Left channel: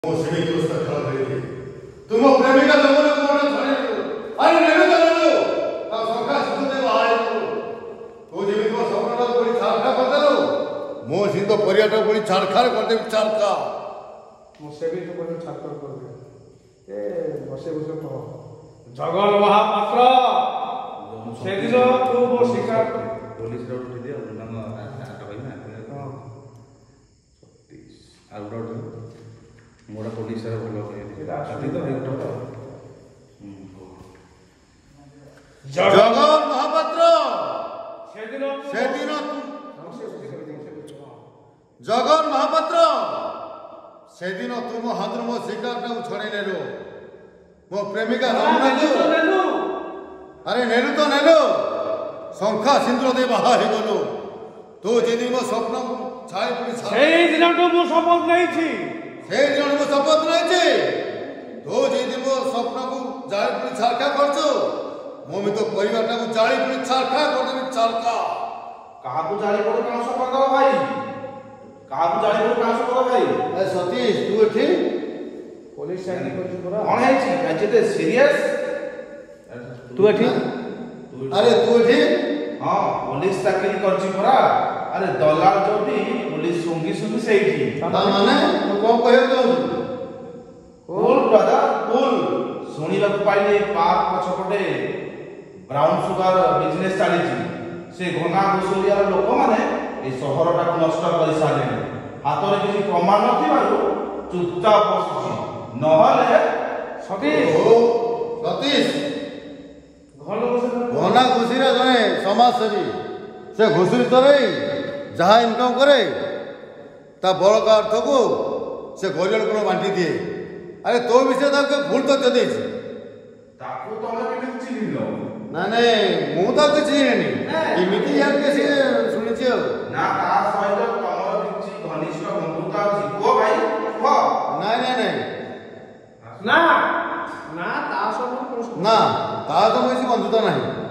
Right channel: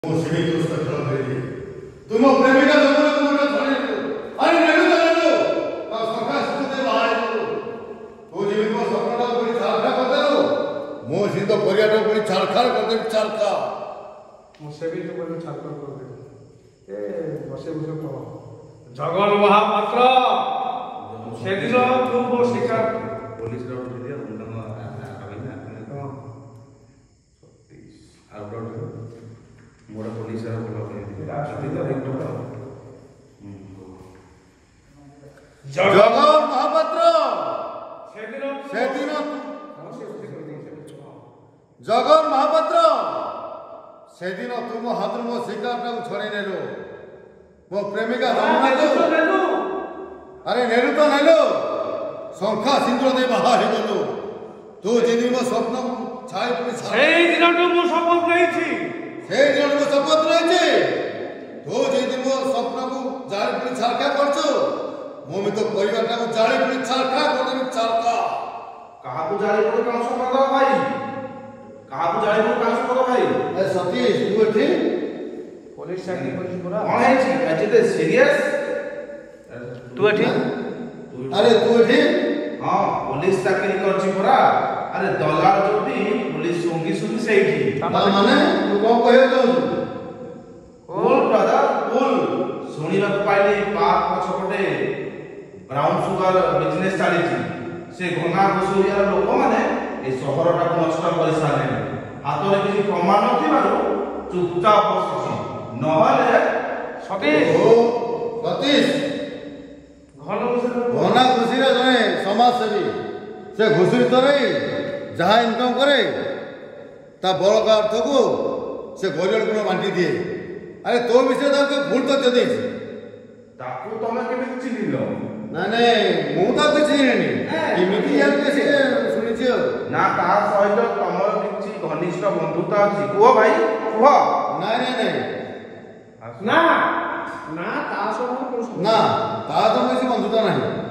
तुम प्रेमिका अरे नेलु सखा सुते बाहर तू जमी तुम स्वप्न कोई छाड़खा कर देलो मो सिंह परियाटा कोई छाड़खा कर दे छाड़खा मुझसे भी तो कोई छाड़खा कर दे ए बसे बसे तो जगन महापात्र सेदिन तू मो शिकार पुलिस रो दिले उन्नन आबैना आउट मोड़ पुलिस रो बोल के जगन महापात्र सेदिन जगन महापात्र सेदिन तुम हाथ मो शिकार छड़े नेलो मो प्रेमिका अरे नेलु तो नेलु शंखा सिंदूर दे बाहा हे गलो तू जेदी मो स्वप्न छाई पड़ी सेई दिन तो मो शपथ रहिछि सेई दिन मो शपथ रहिछि तू जेदी मो स्वप्न को जाई पड़ी छाड़खा करछो मो में तो परिवारटा को जाई पड़ी छाड़खा कर देबी छाड़खा कहा को जाई पड़ी कहां से पकड़ भाई कहा को जाई पड़ी कहां से पकड़ भाई ए सतीश तू एठी पुलिस चाकरी करिस पूरा कौन है एते सीरियस तू एठी अरे तू एठी हां पुलिस चाकरी करछि पूरा अरे दलाल जोटी पुलिस संगी सुनी सेठी माने तू कोन कहयो जाऊ कूल ब्रदर कूल सुनिला पाइले पार्क पछपटे ब्राउन सुगर बिजनेस चलीछि से गंगा कुसुरिया लोक माने ए शहरटा नष्ट करि सारे हातरे किछि प्रमाण नथिबारु चुपचाप बसछि नहले सतीश सतीश घना घुषीरा जने समाजसेवी से घुषुरी तो नहीं जहाँ इनकम करे ता बड़ का अर्थ को से गरीब को बांटी दिए अरे तो विषय तो भूल तो जदे ताकू तमे केबे चिनिलो ना नहीं मु तो किछि नहीं इमिति यार के से सुनि छियो ना ता सहित तमर किछि घनिष्ठ बंधुता अछि को भाई को नहीं नहीं ना ना ता सब ना ता तो मोर बंधुता नहीं